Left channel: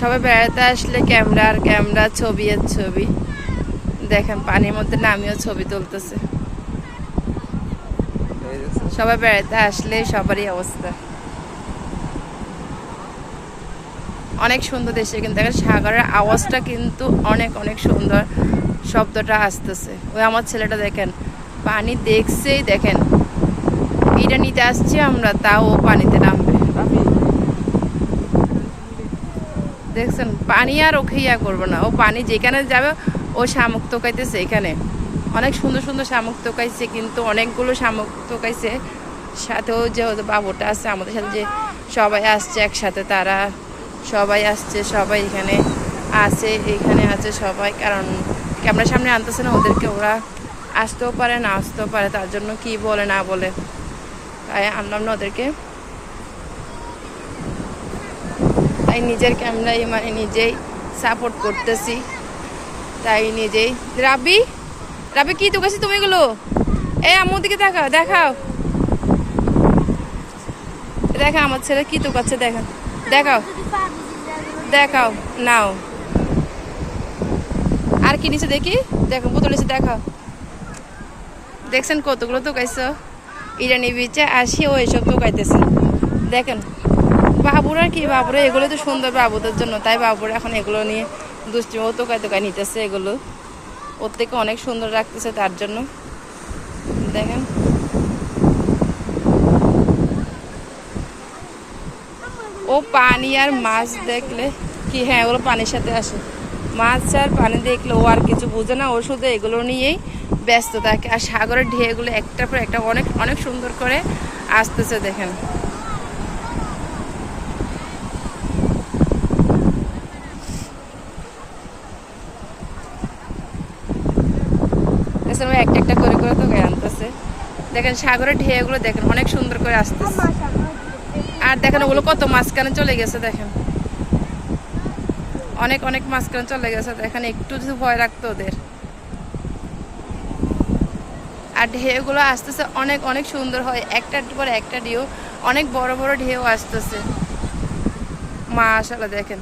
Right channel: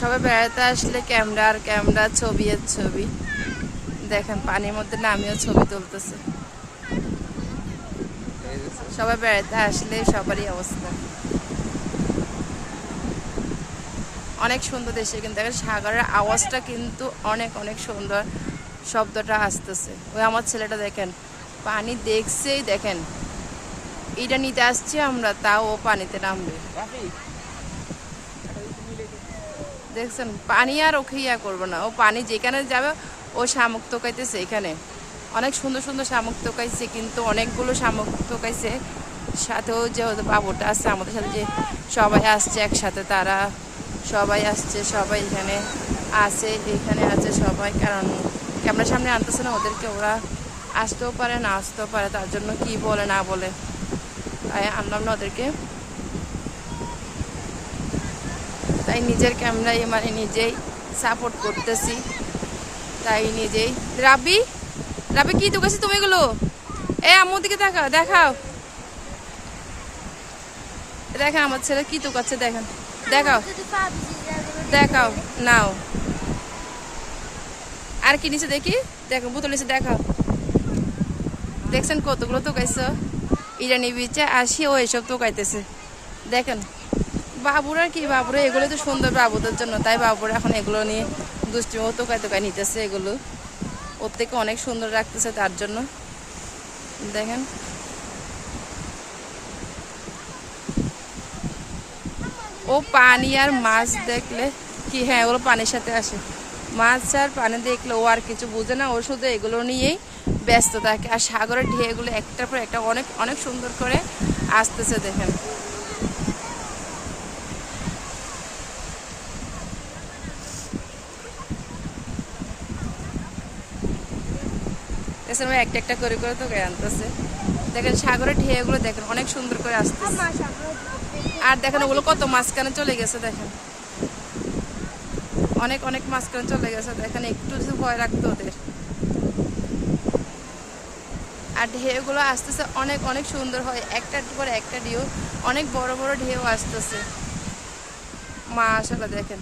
সবাই বেড়াতে আসলে ক্যামেরা আর ক্যামেরা ছবি আর ছবি। দেখেন, পানির মধ্যে নামিও ছবি তুলতেছে। সবাই বেড়াতে আসলে সবারই অবস্থা। অনেক সুন্দর দেশে, কিন্তু দেখেন সাগরের আওয়াজটা কিন্তু অনেক অনেক সুন্দর শব্দটা আসতেছে। ওই আমার ছেলেটা দেখেন, পানি দেখছেই দেখেন। এটা নিতে আসছি আমরা, তাও পানিতে নামবে। দেখছেন, পানি আর ওকে ইয়া করব না। ও পানি যেখানে যাবে, ও শামুক তোকাইতেছে এখানে। অনেক সুন্দর সুন্দর শামুক তোকাইছে কিন্তু অনেকগুলো শামুক তোকাইছে সাথেও যে বাবুটা আছে, আমাদের সাথে যে সবাই আসছে একসাথে, তারা সবাই আসছে, সবাই এখানে আছে এখানে আছে সবাই। কারণ ক্যামেরার সামনে আনতেছে না ওদেরকে, ওরা আসতেও পারে, না আসতেও পারে, তার জন্য কি বলে, না বলে। তাই আনলাম না ওদেরকে। তাই নিজের ক্যামেরায় মানে নিজেই সাপোর্ট করতেছি। তাই নিজেই। রাবি রাবি, কি তোকাছি তুমি এগুলো? এ আমার দিকে দেখাও দেখাও। দেখা, আমার ছেলে কি তোকাচ্ছে দেখেন দেখাও। দেখাও, নাও। আর কি নিচে দেখি? দেখো, বোতল নিচে দেখাও। দেখছেন কতগুলো তোকাইছ ইরানি বিচে আসি, ও এসব তোকাইতেছে দেখেন। বাবুরা কি বাবুরা? এগুলো তো সুন্দর বাবুদের জন্য। তাই বাবুরা এখন এগুলো নিয়ে দুষ্টি ও তোকায় তোকায় নিতেছে এগুলো। ওর থেকে অনেক সুন্দর রাখতেছে তার জন্য। দেখেন। ও পানি আর মাছ দেখলে কি হ্যাঁ ওগুলো পানির সাথে আসে। মাছ আর পানি দেখলে ও আর কিছু বুঝে না, ও শুধু এগুলো নিয়েই ব্যস্ত থাকে। আর সাগরের ঢেউগুলো একটার পর একটা অনেক অনেক সুন্দর করে আসতেছে, দেখেন। একটা একটা করে করে তো আনতেছে। দেখেন, সাগরের ঢেউগুলো দেখেন, অনেক সুন্দর করে আসতেছে। আর দেখেন ওগুলো কত মাঝখানে চলে গেছে, দেখেন। অনেক অনেক মাঝখানে চলে গেছে, দেখেন, একটু যদি ভয় রাখতো ওদের। আর ঢেউগুলো আসতেছে, অনেক অনেক সুন্দর হয়। একটা পর একটা ঢেউ, অনেক বড় বড় ঢেউ আসতেছে। মা আসলে দেখেন।